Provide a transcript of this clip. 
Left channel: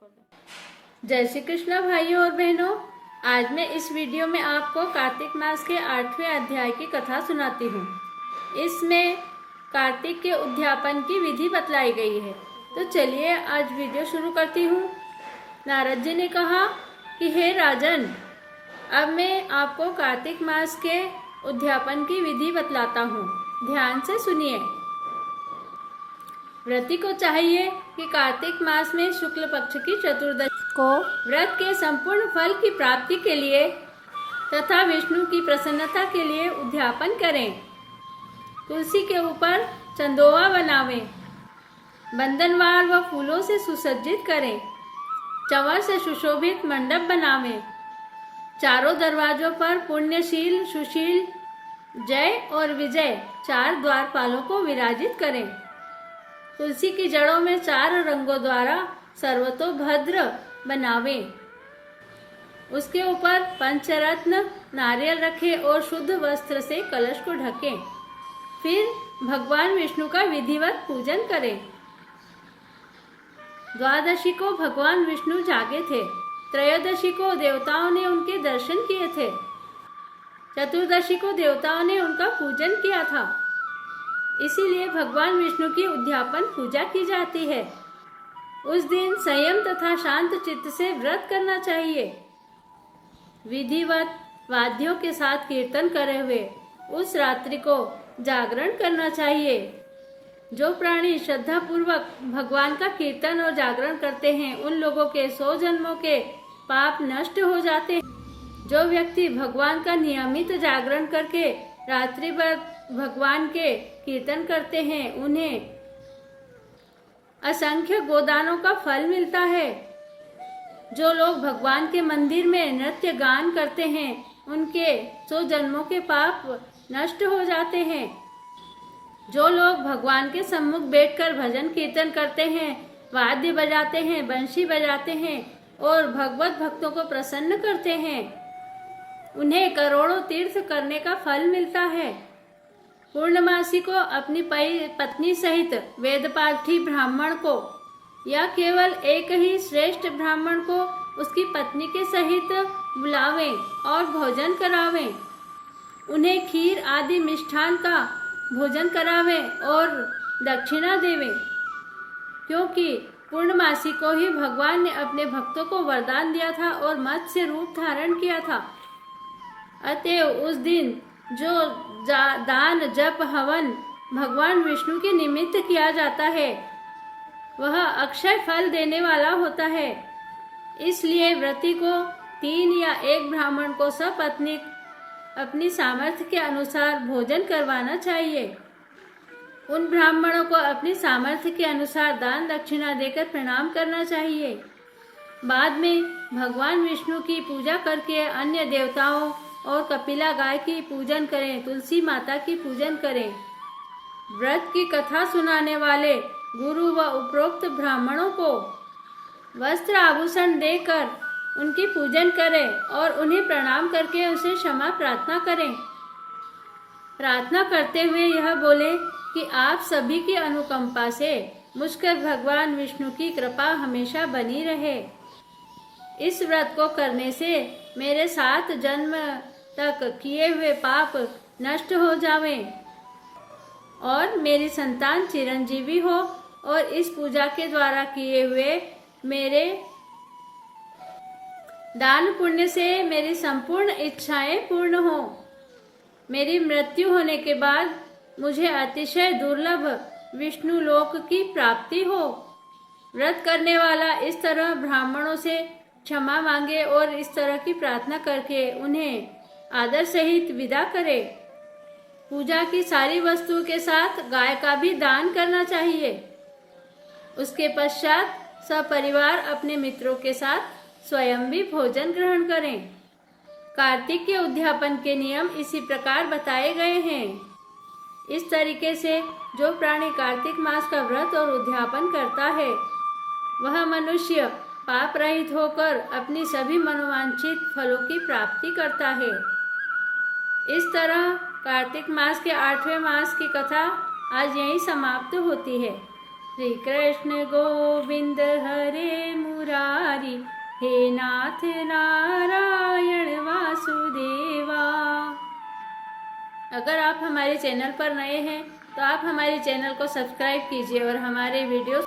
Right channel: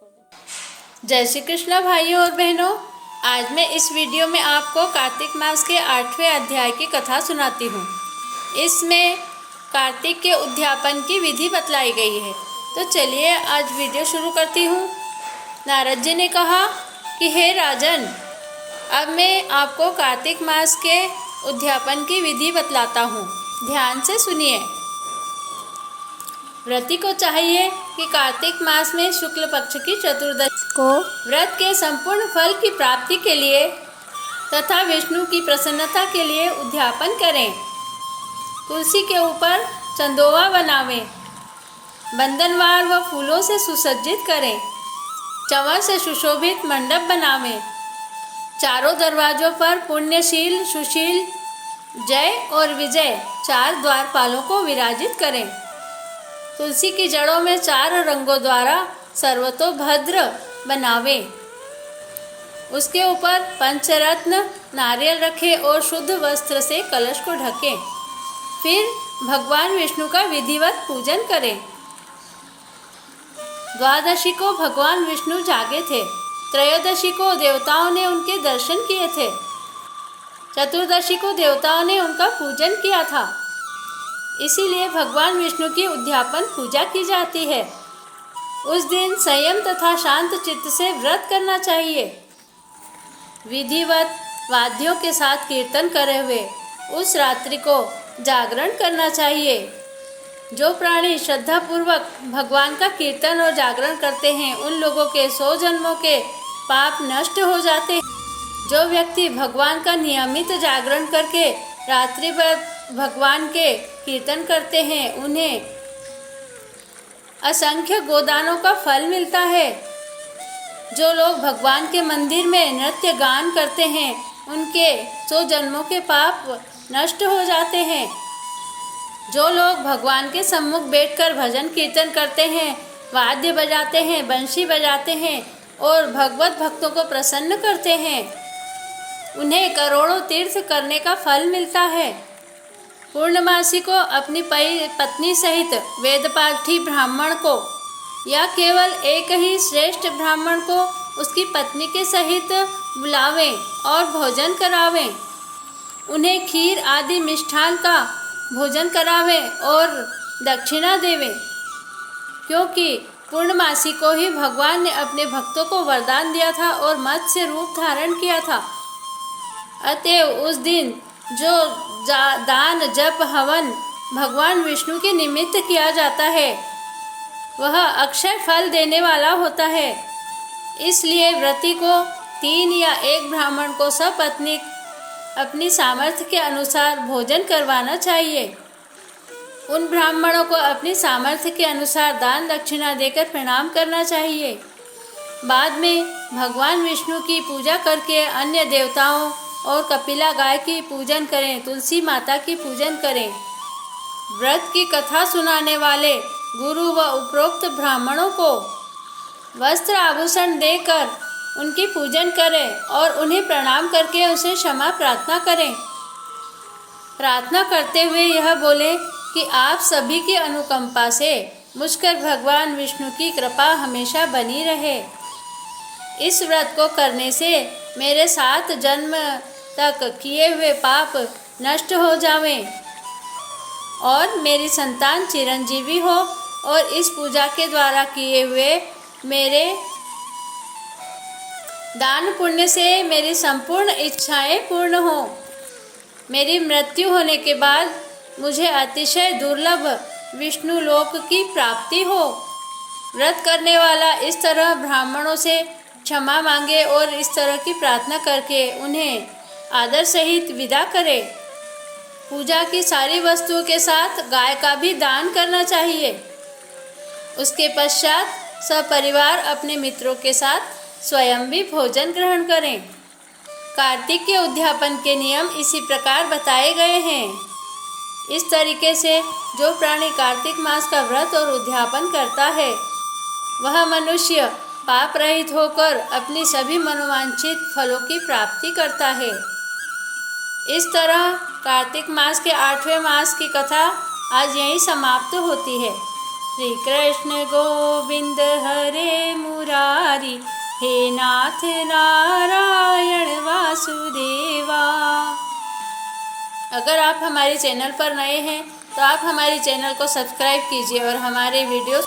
जय श्री कृष्ण भाइयों और बहनों। आज मैं इस वीडियो में आपको कार्तिक मास के 8वें अध्याय की कथा सुनाती हूँ। इसमें कार्तिक के उद्यापन की विधि बतलाई गई है। तो चलिए आज वीडियो शुरू करती हूँ। नारद जी ने कहा कि हे राजन, अब मैं आपको कार्तिक मास के उद्यापन की विधि बतलाता हूँ, ध्यान से सुनिए। व्रती को चाहिए कि कार्तिक मास में शुक्ल पक्ष की चतुर्दशी को व्रत के संपूर्ण फल की प्राप्ति के लिए तथा विष्णु की प्रसन्नता के लिए उद्यापन करें। तुलसी के ऊपर चंदोवा बनावें, बंधनवार व फूलों से सुसज्जित करें, चंवर से सुशोभित मंडप बनावें, चारों दरवाजों पर पुण्यशील, सुशील, जय और विजय 4 द्वारपालों को विराजित करें। तुलसी की जड़ों में 4 रंगों द्वारा सर्वतोभद्र बनावें। उसके ऊपर पंचरत्न नारियल रखें और शुद्ध वस्त्र से कलश को ढकें। फिर भगवान विष्णु का विधिवत पूजन करें। द्वादशी को भगवान विष्णु जागे थे। त्रयोदशी को देवताओं ने उनके दर्शन किए थे। चतुर्दशी को देवताओं ने उनका पूजन किया था। इसीलिए भगवान विष्णु की उद्यापन पूजा की जाती है। उस दिन संयम तथा शांत चित्त से व्रत करना चाहिए। विधिवत वाद्यों के साथ कीर्तन करे हुए उस रात्रि को जागरण करना चाहिए। जो प्राणी श्रद्धापूर्वक भगवान का कीर्तन और जागरण करते हैं, उन लोगों के 100 जन्मों के पाप नष्ट हो जाते हैं। जो व्यक्ति भगवान का नियमित जागरण करके रात्रि भर भगवान के कीर्तन करते हैं, उन्हें असंख्य गोदानों का फल मिलता है। जो लोग भगवान के मंदिर में नृत्य गान करते हैं, उनके 100 जन्मों के पाप नष्ट हो जाते हैं। जो लोग भगवान के सम्मुख बैठकर भजन कीर्तन करते हैं, वाद्य बजाते हैं, बंशी बजाते हैं और भगवत भक्तों को प्रसन्न करते हैं, उन्हें करोड़ों तीर्थ करने का फल मिलता है। पूर्णमासी को अपनी पत्नी सहित वेदपाठी ब्राह्मण को या केवल एक ही श्रेष्ठ ब्राह्मण को उसकी पत्नी के सहित बुलावें और भोजन करावें। उन्हें खीर आदि मिष्ठान का भोजन करावें और दक्षिणा देवें, क्योंकि पूर्णमासी को ही भगवान ने अपने भक्तों को वरदान दिया था और मत्स्य रूप धारण किया था। अतएव उस दिन जो दान जप हवन भगवान विष्णु के निमित्त किया जाता है, वह अक्षय फल देने वाला होता है। इसलिए व्रती को 3 या 1 ब्राह्मण को सपत्नीक अपनी सामर्थ्य के अनुसार भोजन करवाना चाहिए। उन ब्राह्मणों को अपनी सामर्थ्य के अनुसार दान दक्षिणा देकर प्रणाम करना चाहिए। बाद में भगवान विष्णु की पूजा करके अन्य देवताओं और कपिला गाय की पूजन करें, तुलसी माता की पूजन करें। व्रत की कथा सुनाने वाले गुरु व उपरोक्त ब्राह्मणों को वस्त्र आभूषण देकर उनकी पूजन करें और उन्हें प्रणाम करके उनसे क्षमा प्रार्थना करें। प्रार्थना करते हुए यह बोले कि आप सभी की अनुकंपा से मुझ पर भगवान विष्णु की कृपा हमेशा बनी रहे। इस व्रत को करने से मेरे 7 जन्म तक किए हुए पाप नष्ट हो जावें और मेरी संतान चिरंजीवी हो और इस पूजा के द्वारा किए हुए मेरे दान पुण्य से मेरी संपूर्ण इच्छाएं पूर्ण हो। मेरी मृत्यु होने के बाद मुझे अतिशय दुर्लभ विष्णु लोक की प्राप्ति हो। व्रत करने वाला इस तरह ब्राह्मणों से क्षमा मांगे और इस तरह की प्रार्थना करके उन्हें आदर सहित विदा करे। पूजा की सारी वस्तुओं के साथ गाय का भी दान करना चाहिए। उसके पश्चात सपरिवार अपने मित्रों के साथ स्वयं भी भोजन ग्रहण करें। कार्तिक के उद्यापन के नियम इसी प्रकार बताए गए हैं। इस तरीके से जो प्राणी कार्तिक मास का व्रत और उद्यापन करता है, वह मनुष्य पाप रहित होकर अपनी सभी मनोवांछित फलों की प्राप्ति करता है। इस तरह कार्तिक मास के 8वें मास की कथा आज यहीं समाप्त होती है। श्री कृष्ण गोविंद हरे मुरारी। मुरारी, हे नाथ नारायण वासुदेवा। अगर आप हमारे चैनल पर नए हैं तो आप हमारे चैनल को सब्सक्राइब कीजिए और हमारे वीडियो